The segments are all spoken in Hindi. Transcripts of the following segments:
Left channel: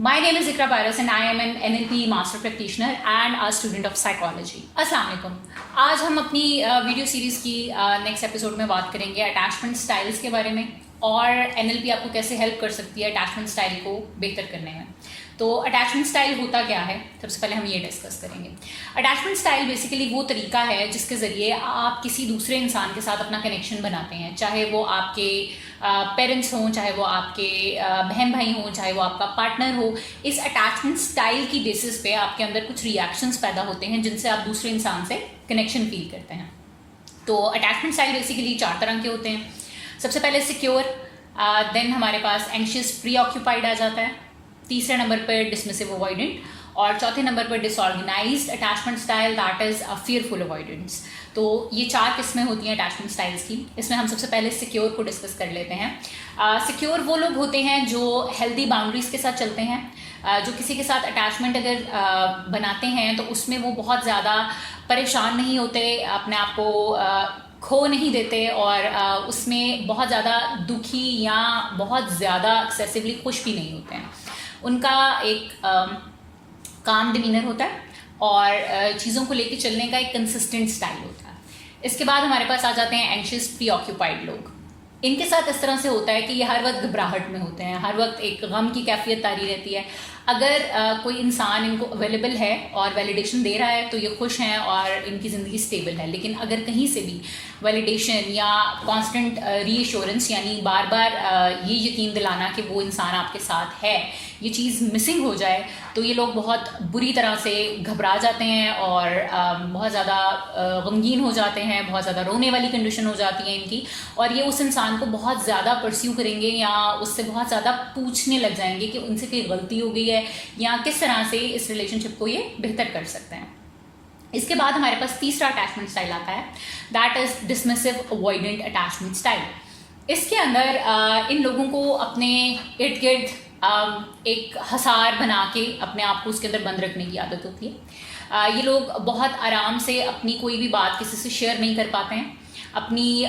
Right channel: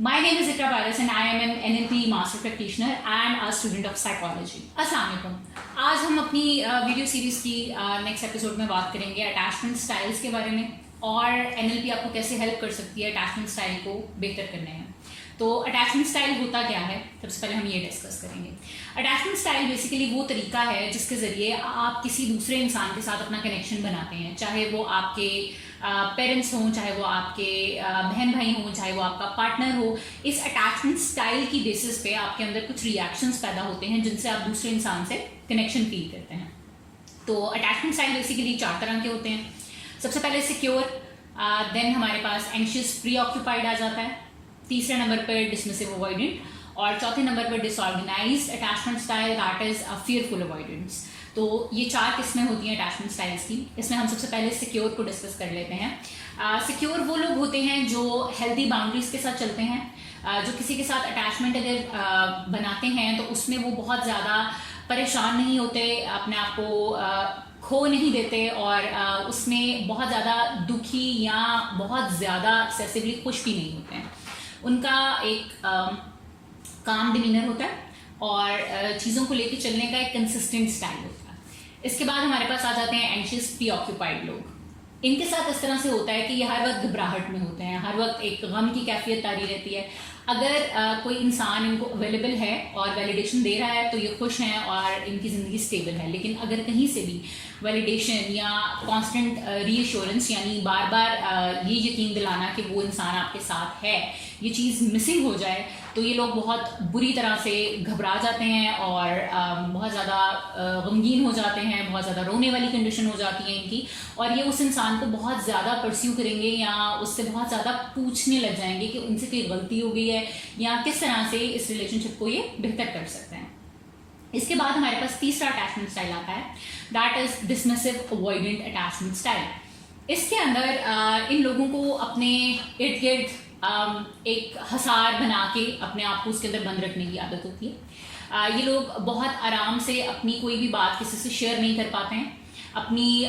My name is Ikra Paras and I am an NLP Master Practitioner and a student of Psychology. अस्सलाम वालेकुम। आज हम अपनी वीडियो सीरीज़ की नेक्स्ट एपिसोड में बात करेंगे अटैचमेंट स्टाइल्स के बारे में और NLP आपको कैसे हेल्प कर सकती है अटैचमेंट स्टाइल को बेहतर करने में। तो अटैचमेंट स्टाइल होता क्या है, सबसे पहले हम ये डिस्कस करेंगे। अटैचमेंट स्टाइल बेसिकली वो तरीका है जिसके ज़रिए आप किसी दूसरे इंसान के साथ अपना कनेक्शन बनाते हैं, चाहे वो आपके पेरेंट्स हों, चाहे वो आपके बहन भाई हों, चाहे वो आपका पार्टनर हो। इस अटैचमेंट स्टाइल की बेसिस पे आपके अंदर कुछ रिएक्शंस पैदा होते हैं जिनसे आप दूसरे इंसान से कनेक्शन फील करते हैं। तो अटैचमेंट स्टाइल बेसिकली 4 तरह के होते हैं। सबसे पहले सिक्योर, देन हमारे पास एंशियस प्री ऑक्यूपाइड आ जाता है, तीसरे नंबर पर डिसमिसिव अवॉइडेंट और चौथे नंबर पर disorganised attachment style, that is a fearful avoidance. तो ये 4 किस्में होती हैं अटैचमेंट स्टाइल्स की। इसमें हम सबसे पहले सिक्योर को डिस्कस कर लेते हैं। सिक्योर वो लोग होते हैं जो हेल्दी बाउंड्रीज के साथ चलते हैं, जो किसी के साथ अटैचमेंट अगर बनाते हैं तो उसमें वो बहुत ज़्यादा परेशान नहीं होते, अपने आप को खो नहीं देते और उसमें बहुत ज़्यादा दुखी या बहुत ज़्यादा एक्सेसिवली खुश भी नहीं होते हैं। उनका एक काम डिमीनर होता है और चीज़ों को लेकर चलने का एक कंसिस्टेंट स्टाइल होता है। इसके बाद हमारे पास आ जाते हैं एंशियस प्री ऑक्यूपाइड लोग। इनके साथ इस तरह से होता है कि ये हर वक्त घबराहट में होते हैं, हर वक्त एक गम की कैफियत तारी रहती है। अगर कोई इंसान इनको अवेलेबल है और वैलिडेशन दे रहा है तो ये खुश हैं और इनकी ज़िंदगी स्टेबल है। लेकिन अगर कहीं से भी वैलिडेशन या कांस्टेंट रीअश्योरेंस यानी बार बार ये यकीन दिलाना कि वो इंसान आपके साथ है, ये चीज़ मिसिंग हो जाए तो ये लोग बहुत बुरी तरह से घबरा जाते हैं और बहुत ज़्यादा गमगीन हो जाते हैं, बहुत ज़्यादा रोने वाली कंडीशन हो जाती है इनकी, और ये उस इंसान को बहुत ज़्यादा परस्यू करेंगे या उससे बहुत ज़्यादा पूछने लग जाएंगे कि उनसे कोई गलती हो गई है या किस तरह से इस रिलेशनशिप को ये बेहतर कर सकते हैं। इसके बाद हमारे पास तीसरा अटैचमेंट स्टाइल आता है, that is dismissive avoidant attachment style. इसके अंदर इन लोगों को अपने इर्द गिर्द एक हसार बना के अपने आप को उसके अंदर बंद रखने की आदत होती है। ये लोग बहुत आराम से अपनी कोई भी बात किसी से शेयर नहीं कर पाते हैं, अपनी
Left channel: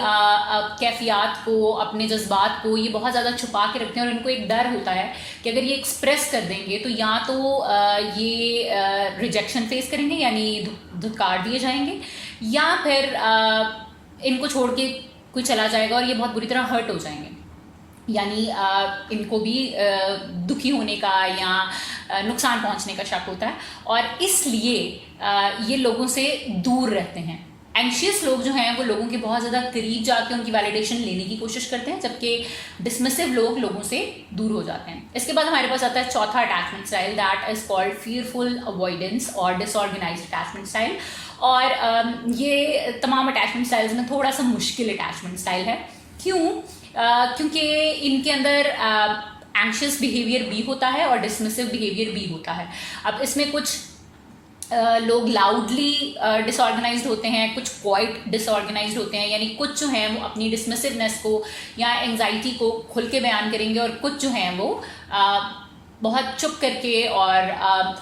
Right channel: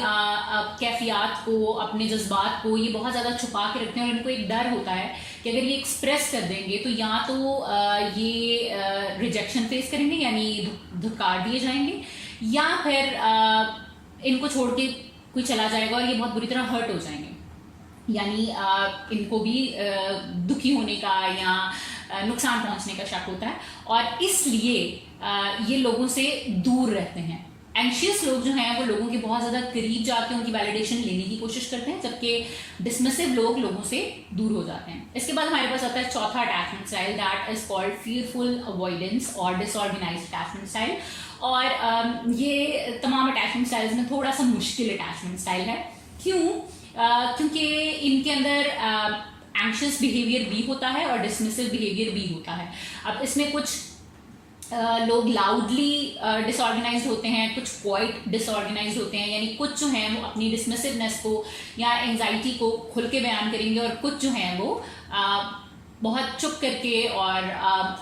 कैफियत को, अपने जज्बात को ये बहुत ज़्यादा छुपा के रखते हैं और इनको एक डर होता है कि अगर ये एक्सप्रेस कर देंगे तो या तो ये रिजेक्शन फेस करेंगे यानी धुतकार दिए जाएंगे, या फिर इनको छोड़ के कोई चला जाएगा और ये बहुत बुरी तरह हर्ट हो जाएंगे, यानी इनको भी दुखी होने का या नुकसान पहुंचने का शक होता है और इसलिए ये लोगों से दूर रहते हैं। एंशियस लोग जो हैं वो लोगों के बहुत ज़्यादा करीब जाके उनकी वैलिडेशन लेने की कोशिश करते हैं, जबकि डिसमिसिव लोग लोगों से दूर हो जाते हैं। इसके बाद हमारे पास आता है चौथा attachment style, that is called fearful avoidance और डिसऑर्गेनाइज्ड अटैचमेंट स्टाइल। और ये तमाम अटैचमेंट स्टाइल्स में थोड़ा सा मुश्किल अटैचमेंट स्टाइल है। क्यों? क्योंकि इनके अंदर एंशियस बिहेवियर भी होता है और डिसमिसिव बिहेवियर भी होता है। अब इसमें कुछ लोग लाउडली डिसऑर्गेनाइज्ड होते हैं, कुछ क्वाइट डिसऑर्गेनाइज्ड होते हैं, यानी कुछ जो हैं वो अपनी डिसमिसिवनेस को या एंजाइटी को खुल के बयान करेंगे और कुछ जो हैं वो बहुत चुप करके और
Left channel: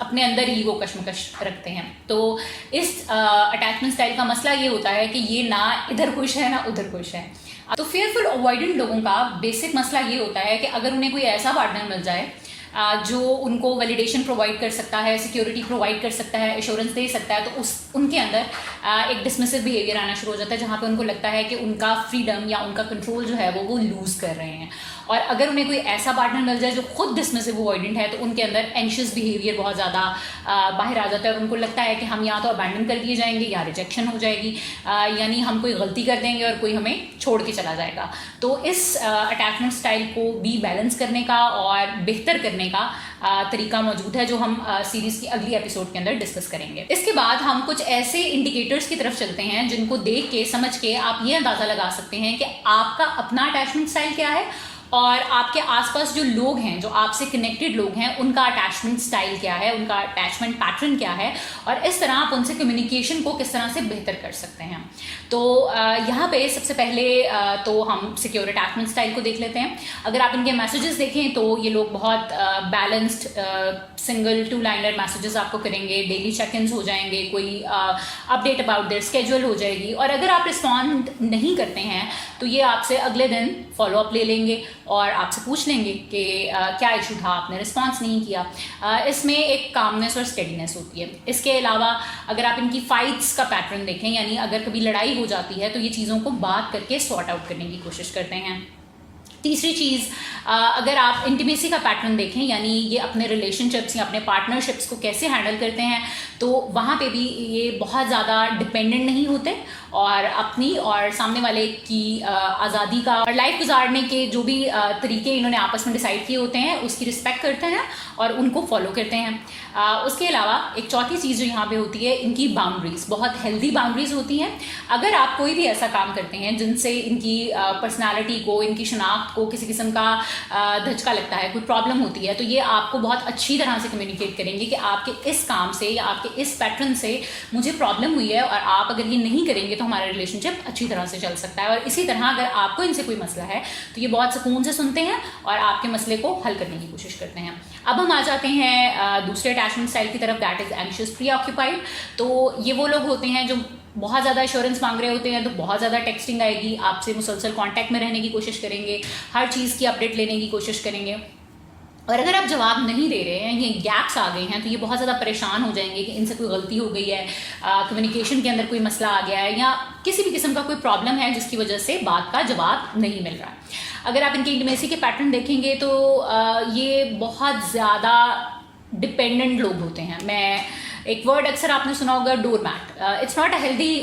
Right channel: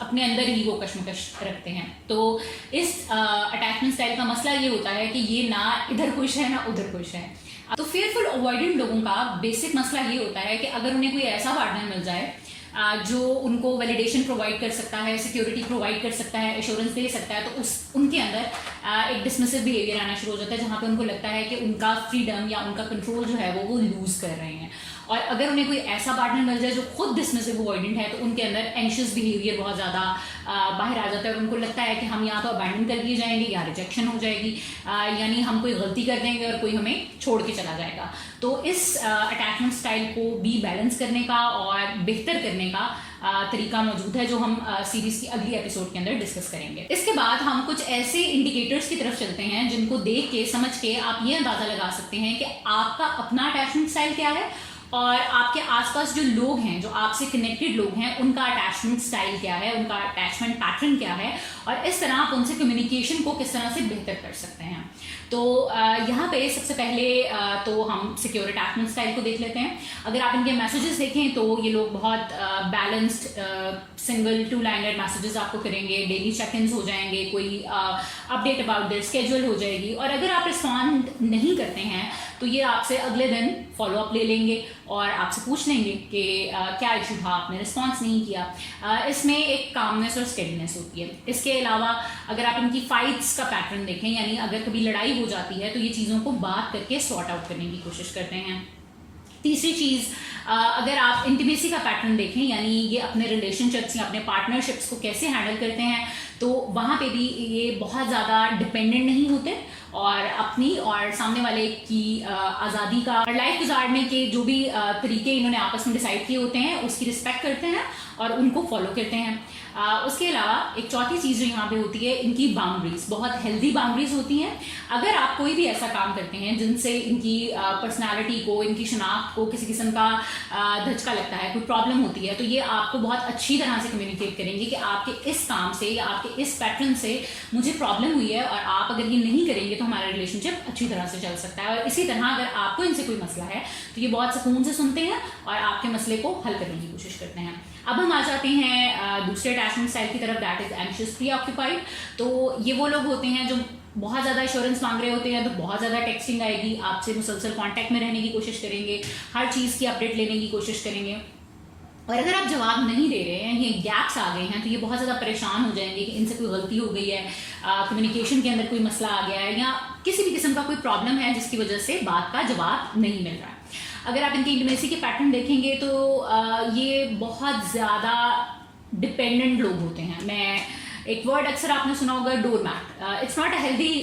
अपने अंदर ही वो कश्मकश रखते हैं। तो इस अटैचमेंट स्टाइल का मसला ये होता है कि ये ना इधर खुश है ना उधर खुश है। तो फियरफुल अवॉइडेंट लोगों का बेसिक मसला ये होता है कि अगर उन्हें कोई ऐसा पार्टनर मिल जाए जो उनको वैलिडेशन प्रोवाइड कर सकता है, सिक्योरिटी प्रोवाइड कर सकता है, एश्योरेंस दे सकता है, तो उनके अंदर एक डिसमिसिव बिहेवियर आना शुरू हो जाता है, जहाँ पे उनको लगता है कि उनका फ्रीडम या उनका कंट्रोल जो है वो लूज़ कर रहे हैं। और अगर उन्हें कोई ऐसा पार्टनर मिल जाए जो खुद डिसमिसिव अवॉइडेंट है तो उनके अंदर एंशियस बिहेवियर बहुत ज़्यादा बाहर आ जाता है और उनको लगता है कि हम या तो अबैंडन कर दिए जाएंगे या रिजेक्शन हो जाएगी, यानी हम कोई गलती कर देंगे और कोई हमें छोड़ के चला जाएगा। तो इस अटैचमेंट स्टाइल को भी बैलेंस करने का और बेहतर करने का तरीका मौजूद है जो हम सीरीज़ की अगली एपिसोड के अंदर डिस्कस करेंगे। इसके बाद हम कुछ ऐसे इंडिकेटर्स की तरफ चलते हैं जिनको देख के समझ के आप ये अंदाज़ा लगा सकते हैं कि आपका अपना अटैचमेंट स्टाइल क्या है और आपके आसपास जो लोग हैं, जो आपसे कनेक्टेड लोग हैं, उनका अटैचमेंट स्टाइल क्या है, उनका अटैचमेंट पैटर्न क्या है, और इस तरह आप उनसे कम्युनिकेशन को किस तरह से बेहतर कर सकते हैं। तो यहाँ पे सबसे पहले तो हम सिक्योर अटैचमेंट स्टाइल को देख लेते हैं। अगर आप इनके मैसेजेस देखें तो ये लोग बहुत बैलेंस्ड सिंगल 2 लाइनर मैसेजेस आपको करेंगे, डेली चेक-इन्स हो जाएंगे, कोई अपडेट अबाउट देयर स्केड्यूल हो जाएगी, और अगर आप रिस्पॉन्ड नहीं करते हैं तो ये आपसे अगले दिन फॉलोअप ले लेंगे और आपसे पूछ लेंगे कि क्या इशू था, आपने रिस्पॉन्स नहीं किया। इसमें एक कामनेस और स्टेडीनेस होती है। इसके अलावा अगर आप इनकी फाइट्स का पैटर्न देखें, यानी अगर कभी लड़ाई हो जाती है तो ये चीज़ों को बात करके सॉर्ट आउट करने की कोशिश करते हैं। तीसरी चीज़, अगर आप इंटीमेसी का पैटर्न देखें, यानी ये अपने रिलेशनशिप्स या अपने पार्टनरशिप्स को कैसे हैंडल करते हैं, तो वहाँ पे भी ये बहुत ज़्यादा डिपेंडेंट नहीं होते और अपनी और सामने वाले की आज़ादी का और लाइफ गुजारने के जो भी तरीके इन्होंने आपस में डिसाइड किए होते हैं उसकी रिस्पेक्ट करते हैं और उनको फॉलो करते हैं। उसके अलावा एक चौथी चीज़ जो यहाँ पे होती है, इनकी बाउंड्रीज बहुत हेल्दी बाउंड्रीज होती हैं। अगर आप कोई भी ऐसा काम करते हैं जिनसे इनकी पर्सनालिटी को, इनकी शनाख्त को किसी किस्म का धचका लगता है, कोई प्रॉब्लम होती है, तो ये आपको बहुत अच्छी तरह से कम्युनिकेट करेंगे कि आपके इस काम से या आपके इस पैटर्न से मुझे प्रॉब्लम हुई है और आप अगर ये नहीं करेंगे तो हमारा रिलेशनशिप अच्छी तरह से चल सकता है। और इसी तरह अगर आपको इनसे कोई मसला है तो ये बहुत सुकून से सुनते हैं और आपके मसले को हल करने की कोशिश करते हैं। अब हम आ जाते हैं दूसरे अटैचमेंट स्टाइल की तरफ, दैट इज एंशियस प्रीऑक्यूपाइड। तो ये वो लोग होते हैं जो बहुत ज़्यादा एश्योरेंस मांग रहे होते हैं, तो बहुत ज़्यादा टेक्सटिंग आएगी, आपसे मुसलसल कांटेक्ट में रहने की कोशिश करेंगे, हर चीज़ की अपडेट लेने की कोशिश करेंगे। और अगर आप जवाब नहीं दे रहे हैं, ये गैप्स आ गए हैं, तो ये बहुत ज़्यादा परेशान हो जाएंगे कि इनसे कोई गलती हो गई है, कम्युनिकेशन के अंदर कोई मसला आ गया है या किसी भी किस्म का कोई प्रॉब्लम है जिसकी वजह से बात का जवाब नहीं मिल रहा। अगर आप इनके इंटीमेसी के पैटर्न देखेंगे तो ये बहुत ज़्यादा डिपेंडेंट लोग होते हैं। मैं एक वर्ड अक्सर आपने सुना होगा, door mat. It's not a healthy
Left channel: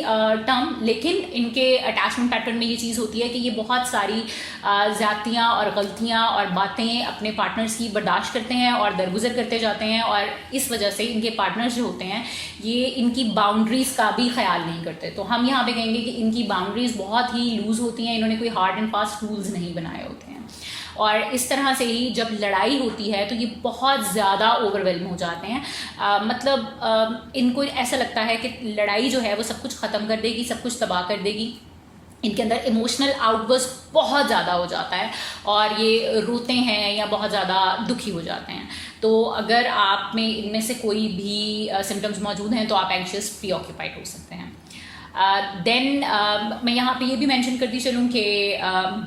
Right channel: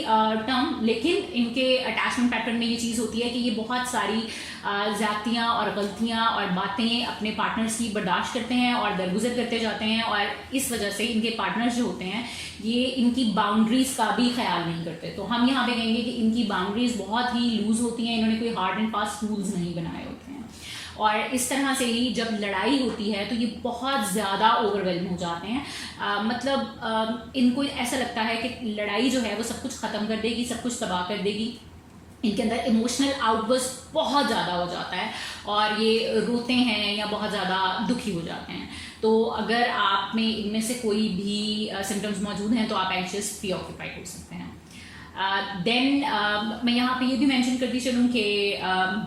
term, लेकिन इनके अटैचमेंट पैटर्न में ये चीज़ होती है कि ये बहुत सारी ज़्यादतियाँ और गलतियाँ और बातें अपने पार्टनर्स की बर्दाश्त करते हैं और दरगुजर करते जाते हैं, और इस वजह से इनके पार्टनर्स जो होते हैं ये इनकी बाउंड्रीज़ का भी ख्याल नहीं करते। तो हम यहाँ पे कहेंगे कि इनकी बाउंड्रीज़ बहुत ही लूज़ होती हैं, इन्होंने कोई हार्ड एंड फास्ट रूल्स नहीं बनाए होते हैं। और इस तरह से ही जब लड़ाई होती है तो ये बहुत ज़्यादा ओवरवेल्म हो जाते हैं। मतलब इनको ऐसा लगता है कि लड़ाई जो है वो सब कुछ ख़त्म कर देगी, सब कुछ तबाह कर देगी। इनके अंदर इमोशनल आउटबर्स्ट बहुत ज़्यादा हो जाता है और ये रोते हैं या बहुत ज़्यादा दुखी हो जाते हैं। तो अगर आप में इनमें से कोई भी सिम्टम्स मौजूद हैं तो आप एंशियस प्रीऑक्यूपाइड हो सकते हैं। देन मैं यहाँ पे ये भी मेंशन करती चलूँ कि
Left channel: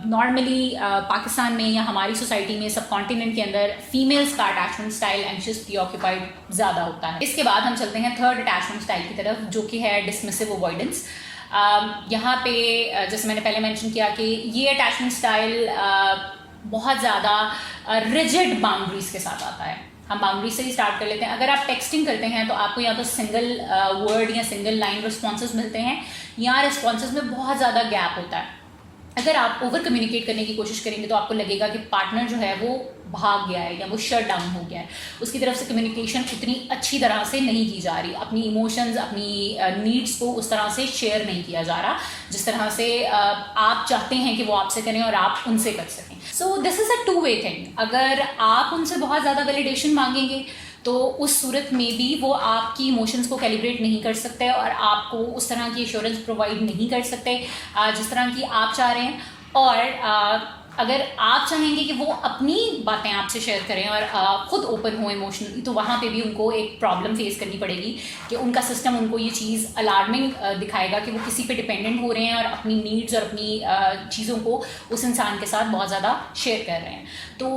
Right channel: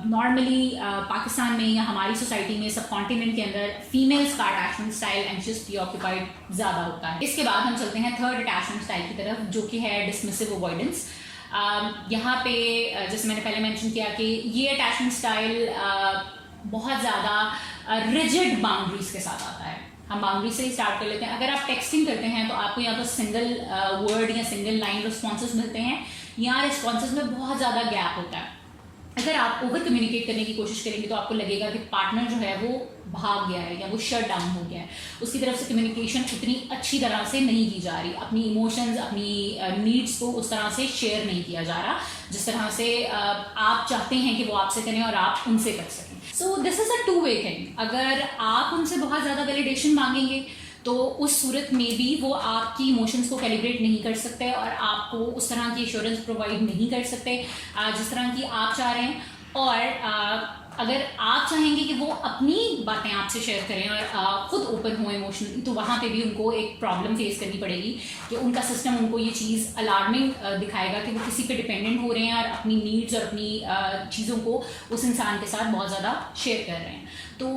नॉर्मली पाकिस्तान में या हमारी सोसाइटी में, सब कॉन्टिनेंट के अंदर फीमेल्स का अटैचमेंट स्टाइल एंशियस प्रीऑक्यूपाइड ज़्यादा होता है। इसके बाद हम चलते हैं थर्ड अटैचमेंट स्टाइल की तरफ, जो कि है डिसमिसिव अवॉइडेंस। यहाँ पे जैसे मैंने पहले मेंशन किया कि ये अटैचमेंट स्टाइल बहुत ज़्यादा रिजिड बाउंड्रीज के साथ आता है। हम बाउंड्री से ही स्टार्ट कर लेते हैं। अगर आप टेक्सटिंग करते हैं तो आपको या तो सिंगल वर्ड या सिंगल लाइन रिस्पॉन्सेज मिलते हैं या रिस्पॉन्सेज में बहुत ज़्यादा गैप होता है। अगर आप ओवर कम्युनिकेट करने की कोशिश करेंगे तो आपको लगेगा कि पार्टनर जो है वो भाग गया है या वो शट डाउन हो गया है, उसकी तरफ से कम्युनिकेशन उतनी अच्छी तरह से नहीं की जा रही, अपनी इमोशंस, अपनी नीड्स को उस तरह से शेयर नहीं किया जा रहा जिस तरह से आप चाहते हैं कि वो आपसे करें और आप उनसे कर सकें। So this is a two way thing. अगर आप उनसे बहुत ज़्यादा वैलिडेशन मांगेंगे तो उस सूरत में भी वो आपकी इमोशंस को कैलिब्रेट नहीं कर सकते और आपको उस तरह की एश्योरेंस प्रोवाइड नहीं कर सकते जिस तरह की आप चाह रहे हैं। और अगर आप चाहेंगे कि वो अपनी बातें आपसे शेयर करें और ख़ुद ओपन हो इमोशनली, तो वहाँ पे भी उनको एक प्रॉब्लम फेस करनी पड़ेगी कि उनका सिस्टम उनको ये चीज़ अलार्मिंग दिखाएगा कि वो किसी पे डिपेंडेंट हो रहे हैं और अपनी नीड्स और अपनी चीज़ों को उस इंसान के साथ बहुत ज़्यादा शेयर कर रहे हैं। तो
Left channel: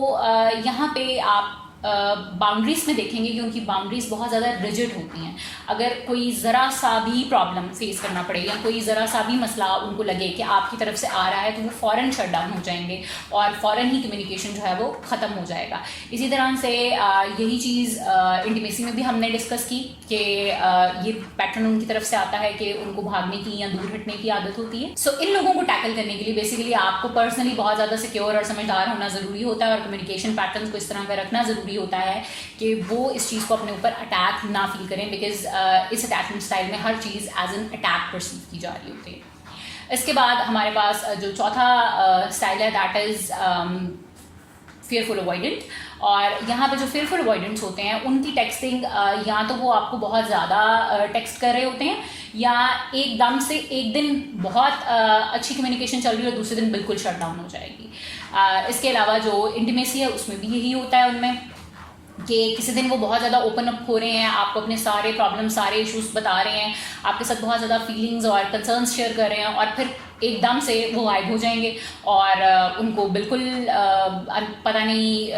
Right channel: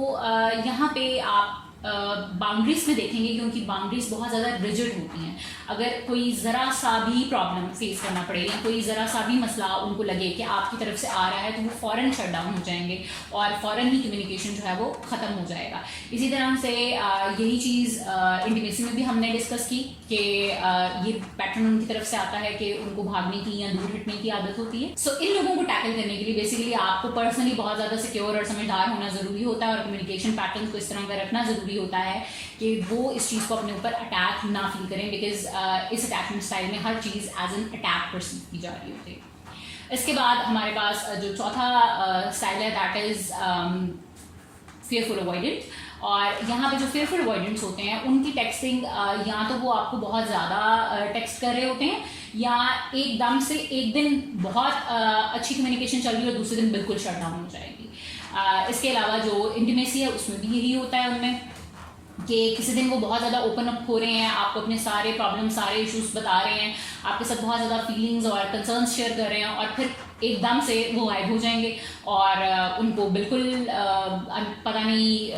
यहाँ पे आप बाउंड्रीज़ में देखेंगे कि उनकी बाउंड्रीज़ बहुत ज़्यादा रिजिड होती हैं। अगर कोई ज़रा सा भी प्रॉब्लम फेस करना पड़े या कोई ज़रा सा भी मसला उनको लगे कि आपकी तरफ से आ रहा है तो वो फ़ौरन शट डाउन हो जाएंगे और फ़ौरन ही कम्युनिकेशन जो है वो ख़त्म हो जाएगा। इसी तरह से यही चीज़ इंटीमेसी में भी हमने डिस्कस की कि ये पैटर्न उनकी तरफ से आता है कि उनको भागने की या दूर हटने की आदत होती है। सो इन लोगों को टैकल करने के लिए बेसिकली आपको पर्सनली बहुत ज़्यादा सिक्योर और समझदार होना ज़रूरी होता है और कम्युनिकेशन पैटर्न को इस तरह का रखना ज़रूरी होता है कि वो इस चीज़ को अपने ऊपर अटैक ना फील करें, बिकॉज इस अटैचमेंट स्टाइल में हर चीज़ एज एन अटैक परसीव की जा रही होती है। इसके बाद हमारे पास जो चौथा स्टाइल है दैट इज़ फेयरफुल अवॉइडेंट। और यहाँ पे जो फेयरफुल अवॉइडेंट्स होते हैं उनकी टेक्सटिंग या तो वो आपको बहुत ज़्यादा टेक्स्ट कर रहे होते हैं या एकदम से एक दिन बहुत अच्छी कम्युनिकेशन चल रही है और दूसरे दिन बिल्कुल शट डाउन हो जाएगी। इसके अलावा जो इंटीमेसी है उसमें भी यही होता है उनमें कि किसी दिन वो बहुत ज़्यादा ओपन अप हो रहे हैं, आपको अपने सारे प्रॉब्लम, सारे इश्यूज बता रहे हैं, आपके साथ बहुत ज़्यादा फीलिंग्स और कंसर्न्स शेयर कर रहे हैं, और फिर एकदम से वो गायब हो जाएंगे और उनको बिल्कुल पता नहीं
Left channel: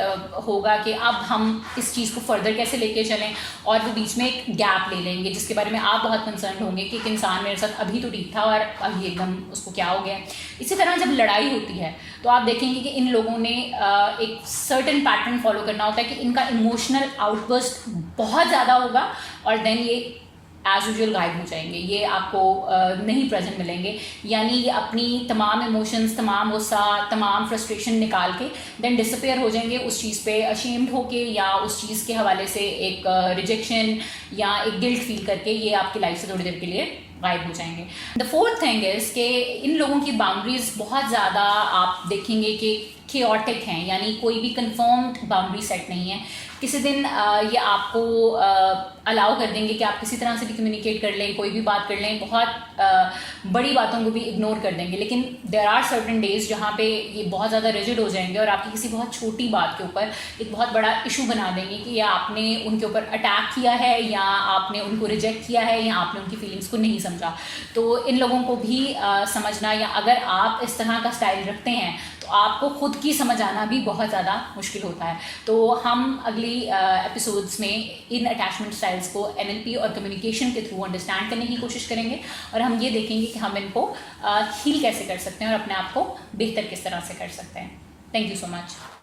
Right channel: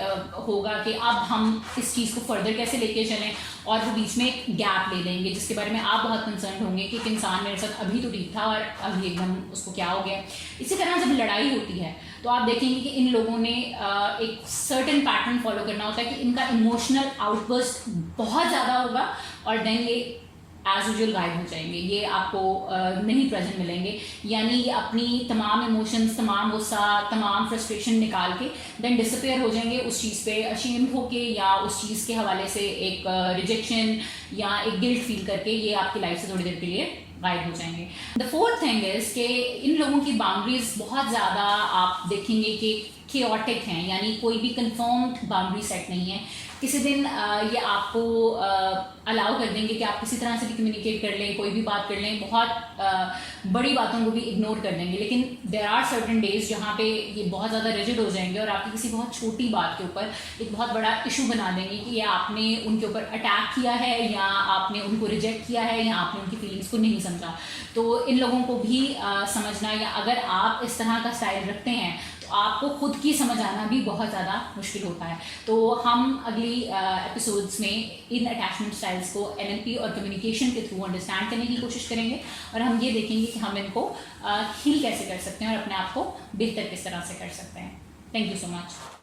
होगा कि अब हम इस चीज़ को फर्दर कैसे लेके चलें, और वो बीच में एक गैप ले लेंगे जिसके बारे में आप बहुत कंसर्न होंगे कि एक इंसान मेरे साथ अभी तो ठीक था और अभी एकदम उसको क्या हो गया। इसी तरह जब लड़ाई होती है तो आप देखेंगे कि इन लोगों ने एक सर्टेन पैटर्न फॉलो करना होता है कि इनका इमोशनल आउटबर्स्ट बहुत ज़्यादा होगा और देन ये एज यूजुअल गायब हो जाएंगे, ये आपको नहीं प्रेजेंट मिलेंगे। यानी ये अपनी तमाम इमोशंस, तमाम गुस्सा, तमाम फ्रस्ट्रेशन निकाल के देन डिसअपेयर हो जाएंगे उस चीज़ पे अशेम्ड होके, या उस चीज़ के हवाले से एक रिजेक्शन या एक गिल्ट फील करके ये आपकी लाइफ से थोड़ी देर के लिए गायब हो जाएंगे। द फोर्थ थिंग इज कि इन लोगों की बाउंड्रीज बहुत ज़्यादा आप देखेंगे कि chaotic हैं, यानी कोई भी कंफर्म्ड बाउंड्री सेट नहीं है। किसी दिन ये आपको अलाउ कर देंगे कि आप किसी तरह से भी कम्युनिकेट कर लें, कोई भी बात कर लें, बहुत बड़ी बातों को भी इग्नोर कर देंगे। लेकिन देयर आर सर्टेन डेज जहाँ पे ये बहुत ज़्यादा रिजिड हो जाएंगे और आपकी किसी बहुत छोटी बात के ऊपर एक बहुत बड़ा इशू बना देंगे कि या आपने उनके ऊपर अटैक किया है, या आपने उनको रिजेक्ट किया है, या आपने उनकी फीलिंग्स को नहीं समझा। तो इन लोगों को भी समझना, या अगर आप इस तरह का स्टाइल रखते हैं तो आपको खुद की समझ आना भी बहुत ज़्यादा मुश्किल होता है। तो हम अगली एपिसोड्स में इन अटैचमेंट स्टाइल्स को NLP और कम्युनिकेशन के थ्रू अंडरस्टैंड करने की कोशिश करेंगे और हम ये देखेंगे कि हम इनको हील कैसे कर सकते हैं और अपने आप को बेहतर किस तरह से कर सकते हैं। Thank you so much.